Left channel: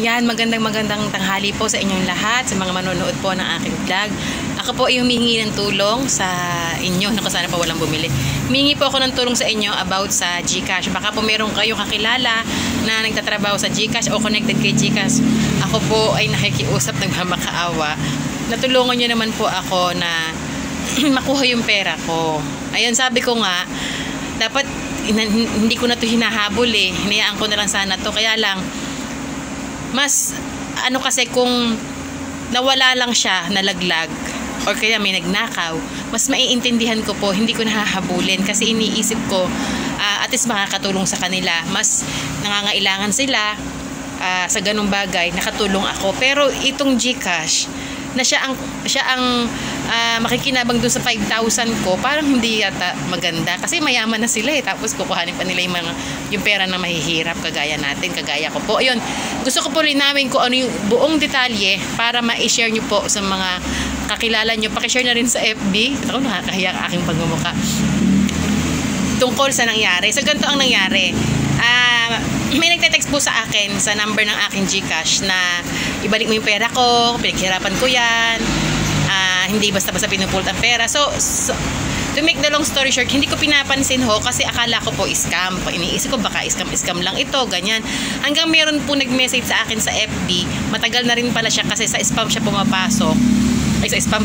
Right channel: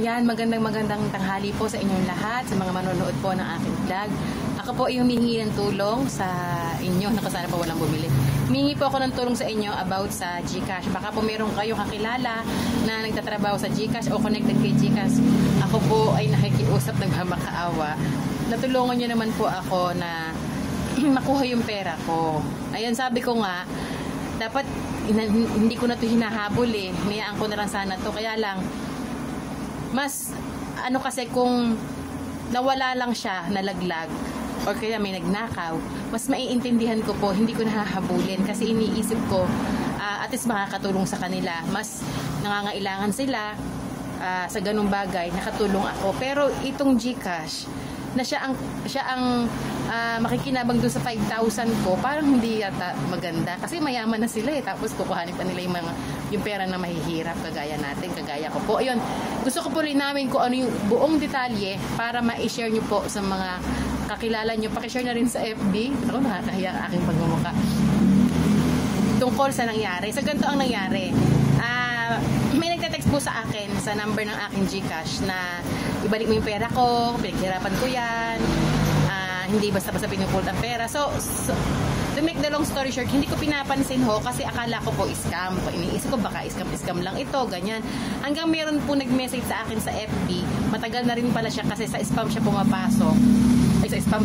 Ayan, magandang tanghali po sa inyong lahat, sa mga manonood po ng aking vlog. Ako po ay humihingi ng tulong sa inyo, naku sana pa walang bumili. Humihingi po ako ng tulong sa inyo about sa GCash. Baka po meron kayo kakilala na nagtatrabaho sa GCash o connected kay GCash. Ako po ay nakikiusap ng makaawa. Natulungan nyo naman po ako na makuha yung pera ko. Ayun, sabi ko nga, dapat hindi ko na to hinahabol eh. Hinayaan ko na lang sana to. Kaya lang, mas ano kasi kung nawala lang siya, nalaglag or kaya may nagnakaw, mas maiintindihan ko po, hindi ko nahahabulin kasi iniisip ko at least makakatulong sa kanila. Mas nangangailangan sila sa ganung bagay, nakatulong ako. Pero itong GCash na siya ang makikinabang doon sa 5,000 ko, parang hindi yata maganda kasi mayaman na sila eh, tapos kukuhanin pa nila yung pera na mahihirap kagaya natin, kagaya ko po. Ayun, gusto ko po linawin kung ano yung buong detalye para ma-share nyo po sa mga kakilala nyo. Pakishare na rin sa FB. Ako, nakakahiya ang aking pagmumukha tungkol sa nangyari. So ganito ang nangyari. May nagte-text po sa akin sa number ng aking GCash na ibalik mo yung pera ko, pinaghirapan ko yan, hindi basta-basta pinupulot ang pera. So, to make the long story short, hindi ko pinapansin ho kasi akala ko po scam. Iniisip ko baka scam lang ito, ganyan. Hanggang meron po nag-message sa akin sa FB, matagal na rin pala siya kasi sa spam siya pumapasok. Ay, sa spam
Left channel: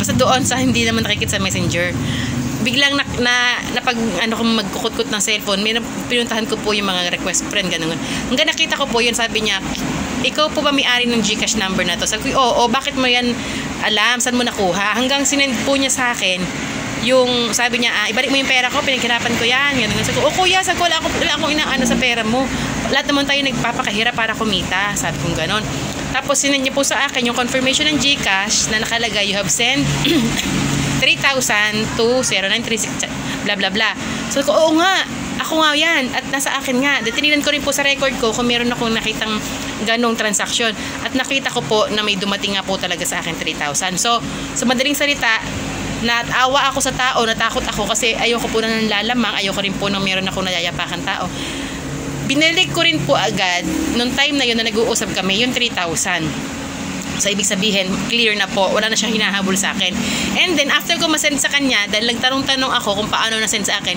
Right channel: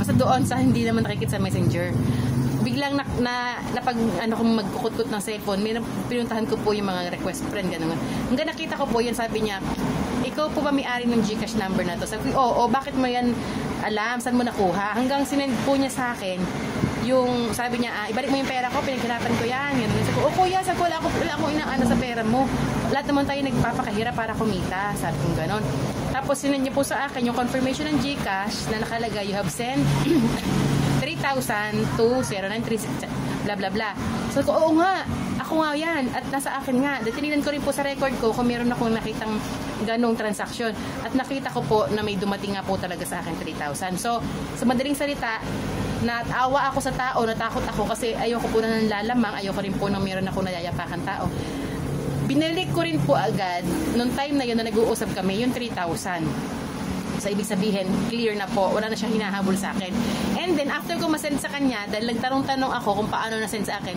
basta doon sa hindi naman nakikita sa messenger. Biglang napag kung magkukut-kut ng cellphone, pinuntahan ko po yung mga request friend, ganun. Hanggang nakita ko po yun, sabi niya, ikaw po ba may-ari ng GCash number na to? Sabi ko, oo, bakit mo yan alam? Saan mo nakuha? Hanggang sinend po niya sa akin yung, sabi niya, ibalik mo yung pera ko, pinaghirapan ko yan. Sabi ko, kuya, sabi ko, wala akong inaano sa pera mo. Lahat naman tayo nagpapakahirap para kumita. Sabi ko gano'n. Tapos sinend niya po sa akin yung confirmation ng GCash na nakalagay, you have sent 3,000 to 0936 bla bla bla. So ko, oo nga, ako nga yan at nasa akin nga. Tinignan ko rin po sa record ko kung meron akong nakitang ganong transaksyon at nakita ko po na may dumating nga po talaga sa akin 3,000. So sa madaling salita, natawa ako sa tao, natakot ako kasi ayoko po na nanlalamang, ayoko rin po na meron akong nayayapakan tao. Binalik ko rin po agad nung time na yun na nag-uusap kami yung 3,000. So, ibig sabihin, clear na po. Wala na siyang hinahabol sa akin. And then, after ko masend sa kanya, dahil nagtanong-tanong ako kung paano nasend sa akin,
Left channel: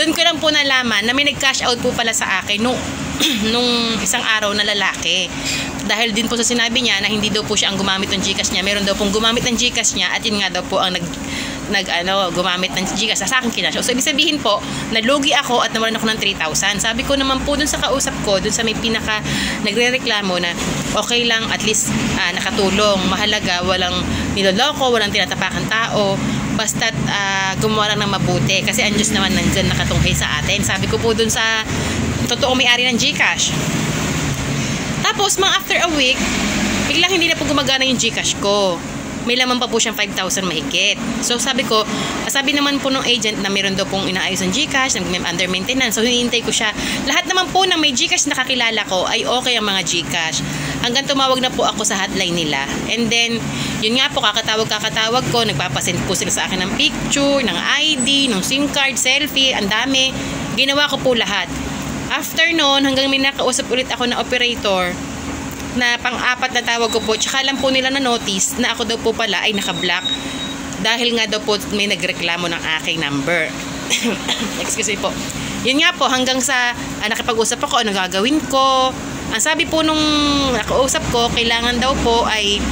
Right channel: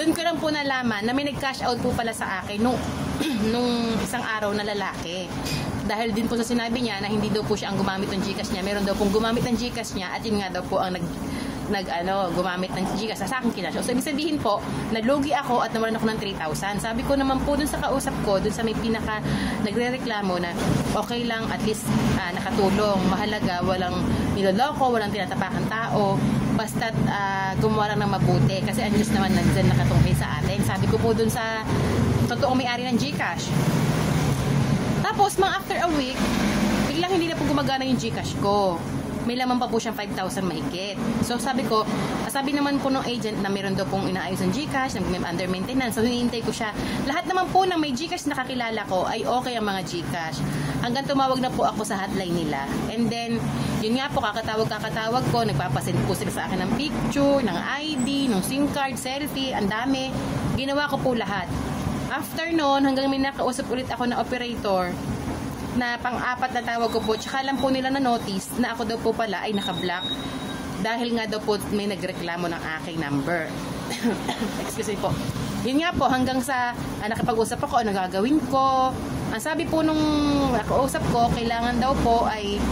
doon ko lang po nalaman na may nag-cash out po pala sa akin nung isang araw na lalaki. Dahil din po sa sinabi niya na hindi daw po siya ang gumamit ng GCash niya. Meron daw pong gumamit ng GCash niya at yun nga daw po ang gumamit ng GCash sa akin kinash. So, ibig sabihin po, nalugi ako at nawalan ako ng 3,000. Sabi ko naman po dun sa kausap ko, dun sa may pinaka nagre-reklamo na okay lang, at least nakatulong. Mahalaga, walang niloloko, walang tinatapakan tao. Basta't gumawa lang ng mabuti. Kasi ang Diyos naman nandyan nakatunghay sa atin. Sabi ko po dun sa totoo may-ari ng GCash. Tapos, after a week, biglang hindi na po gumagana yung GCash ko. May laman pa po siyang 5,000 mahigit. So sabi naman po ng agent na meron daw pong inaayos ng GCash, under maintenance. So hinihintay ko siya. Lahat naman po ng may GCash na kakilala ko ay okay ang mga GCash. Hanggang tumawag na po ako sa hotline nila. And then, yun nga po, kakatawag ko, nagpapasend po sila sa akin ng picture, ng ID, ng SIM card, selfie, ang dami. Ginawa ko po lahat. After noon, hanggang may nakausap ulit ako na operator, na pang-apat na tawag ko po, tsaka lang po nila na notice na ako daw po pala ay naka-block dahil nga daw po may nagreklamo ng aking number. Excuse me po. Yun nga po, hanggang sa nakipag-usap ako, ano gagawin ko. Ang sabi po nung nakausap ko, kailangan daw po ay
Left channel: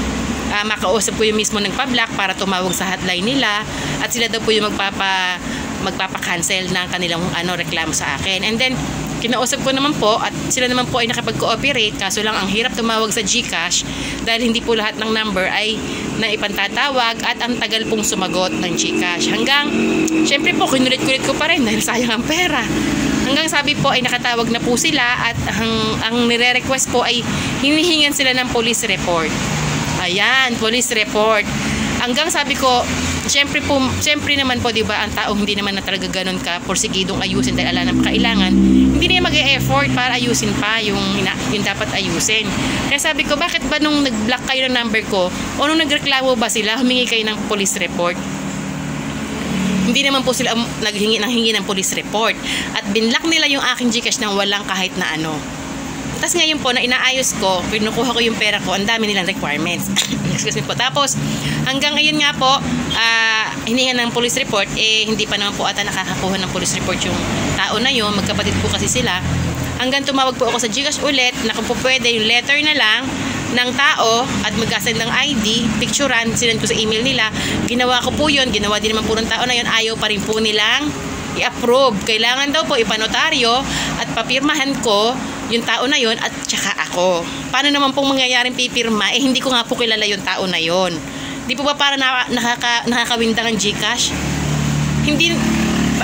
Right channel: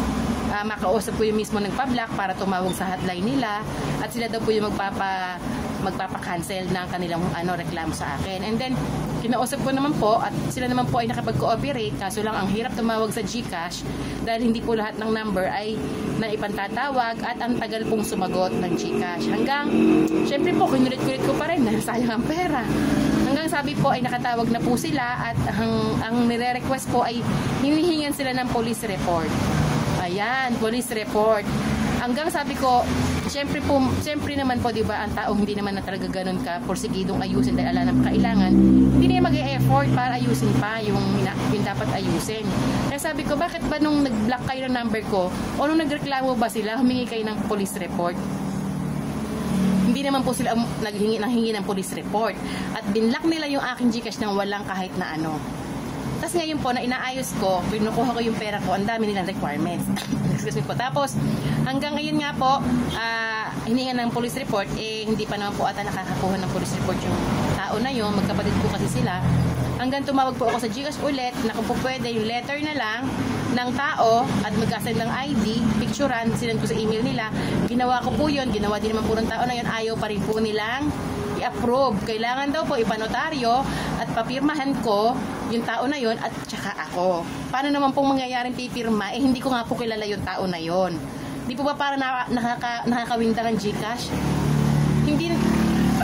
makausap ko yung mismo nagpa-block para tumawag sa hotline nila at sila daw po yung magpapa-cancel ng kanilang reklamo sa akin. And then kinausap ko naman po at sila naman po ay nakapag-cooperate, kaso lang ang hirap tumawag sa GCash dahil hindi po lahat ng number ay naipantatawag at ang tagal pong sumagot ng GCash. Hanggang, syempre po, kinulit-kulit ko pa rin dahil sayang ang pera. Hanggang sabi po ay nakatawag na po sila at ang nire-request po ay hinihingan sila ng police report. Ayan, police report. Hanggang sabi ko, Siyempre naman po, di ba, ang tao hindi naman na talaga ganun ka porsigidong ayusin dahil ala ng kailangan. Hindi na mag-e-effort para ayusin pa yung dapat ayusin. Kaya sabi ko, bakit ba nung nag-block kayo ng number ko o nung nagreklamo ba sila, humingi kayo ng police report? Hindi naman po sila hingi ng police report. At binlock nila yung aking GCash nang walang kahit na ano. Tapos ngayon po, na inaayos ko, kinukuha ko yung pera ko, ang dami nilang requirements. Excuse me po. Tapos, hanggang ngayon nga po, hiningan ng police report, hindi pa naman po ata nakakakuha ng police report yung tao na yun. Magkapatid po kasi sila. Hanggang tumawag po ako sa GCash ulit, na kung po pwede, yung letter na lang ng tao at magkasend ng ID, picturean, sinend ko sa email nila. Ginawa ko po yun, ginawa din naman po ng tao na yun, ayaw pa rin po nilang i-approve. Kailangan daw po ipanotaryo at papirmahan ko yung tao na yun at tsaka ako. Paano naman pong mangyayaring pipirma? Hindi ko nga po kilala yung tao na yun. Di po ba para nakakawinta ng GCash? Hindi,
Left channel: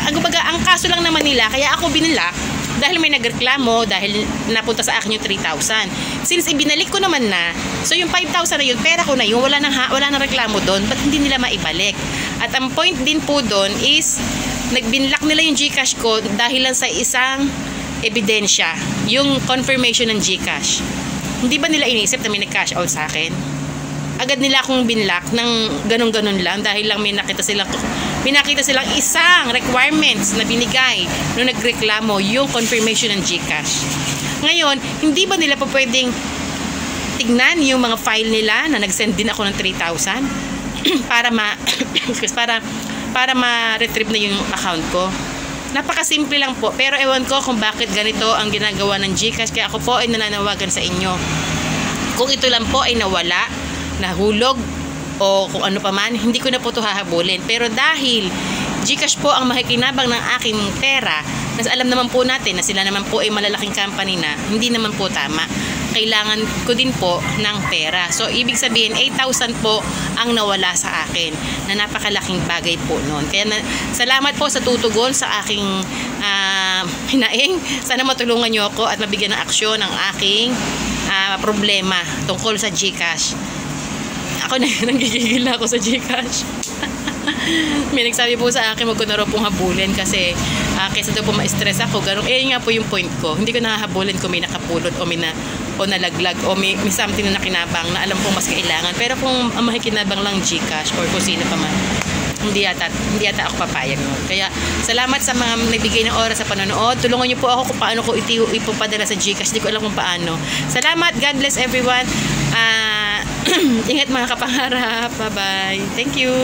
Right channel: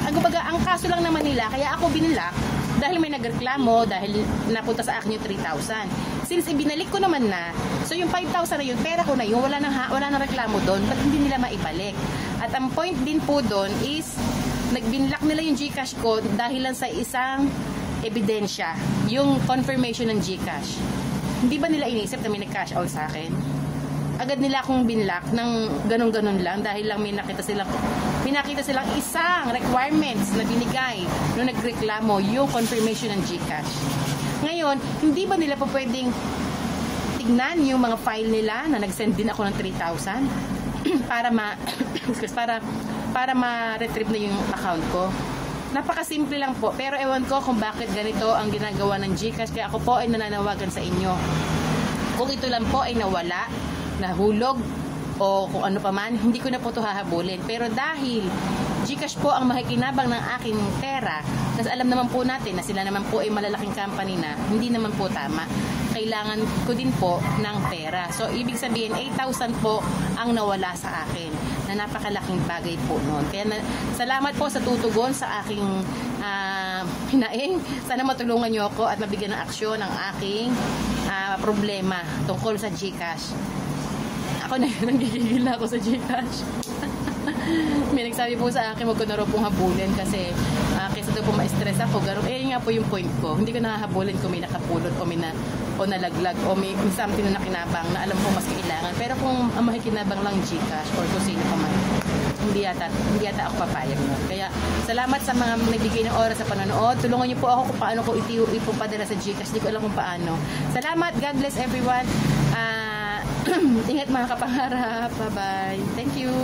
ang kaso lang naman nila, kaya ako binilak, dahil may nagreklamo, dahil napunta sa akin yung 3,000. Since ibinalik ko naman na, so yung 5,000 na yun, pera ko na yun, wala nang reklamo doon, ba't hindi nila maibalik? At ang point din po doon is, nagbinlock nila yung GCash ko dahil lang sa isang ebidensya, yung confirmation ng GCash. Hindi ba nila iniisip na may nag-cash out sa akin? Agad nila akong binlock ng ganun-ganun lang dahil lang may nakita silang isang requirements na binigay nung nagreklamo, yung confirmation ng GCash. Ngayon, hindi ba nila pa pwedeng tignan yung mga file nila na nag-send din ako ng 3,000 para ma-retrieve na yung account ko? Napakasimple lang po, pero ewan ko kung bakit ganito ang ginagawa ng GCash, kaya ako po ay nananawagan sa inyo. Kung ito lang po ay nawala, nahulog, o kung ano pa man, hindi ko na po ito hahabulin. Pero dahil GCash po ang makikinabang ng aking pera, nas alam naman po natin na sila naman po ay malalaking company na, hindi naman po tama. Kailangan ko din po ng pera. So, ibig sabihin, 8,000 po ang nawala sa akin, na napakalaking bagay po noon. Kaya salamat po sa tutugon sa aking hinaing. Sana matulungan nyo ako at mabigyan ng aksyon ang aking problema tungkol sa GCash. Ako na, nanggigigil na ako sa GCash. May nagsabi po sa akin, wag ko na raw pong habulin kasi kaysa daw po ma-stress ako. Ganun, nga po yung point ko. Hindi ko nahahabulin kung may nakapulot o nalaglag o may something na nakinabang na alam kong mas kailangan. Pero kung ang makikinabang lang GCash or kung sino pa man, hindi yata ako papayag mo. Kaya salamat sa mga nagbigay ng oras sa panonood. Tulungan niyo po ako kung paano ko ipapadala sa GCash. Hindi ko alam kung paano. Salamat. God bless everyone. Ingat mga kapangarap. Bye-bye. Thank you.